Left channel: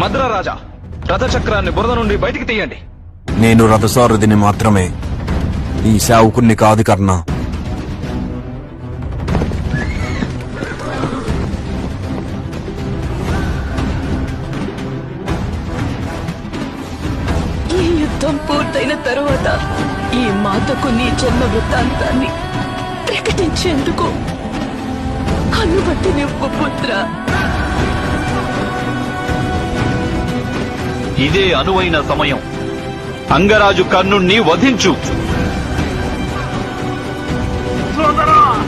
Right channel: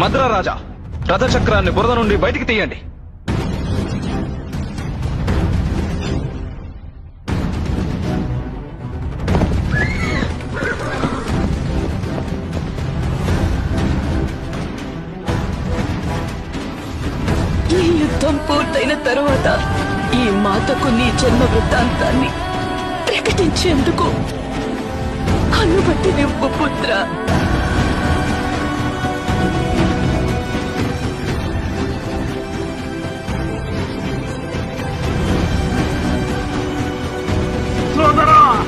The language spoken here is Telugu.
మద్రరాజా, రథచక్రాన్ని బురద నుండి బయటికి తీయండి. నేను రథసారథిని మాత్రమే, ఈ సేవకుణ్ణి కాదు కర్ణ. ఈ యుద్ధం పూర్తయిన తరువాత ఈ మాతకు నీ జన్మ వృత్తాంతాన్ని ప్రకటించేందుకు అనుమతి నివ్వు పుత్ర. ఇదే అనువైన సమయం. అంగరాజు కర్ణుణ్ణి వధించు. సోదరా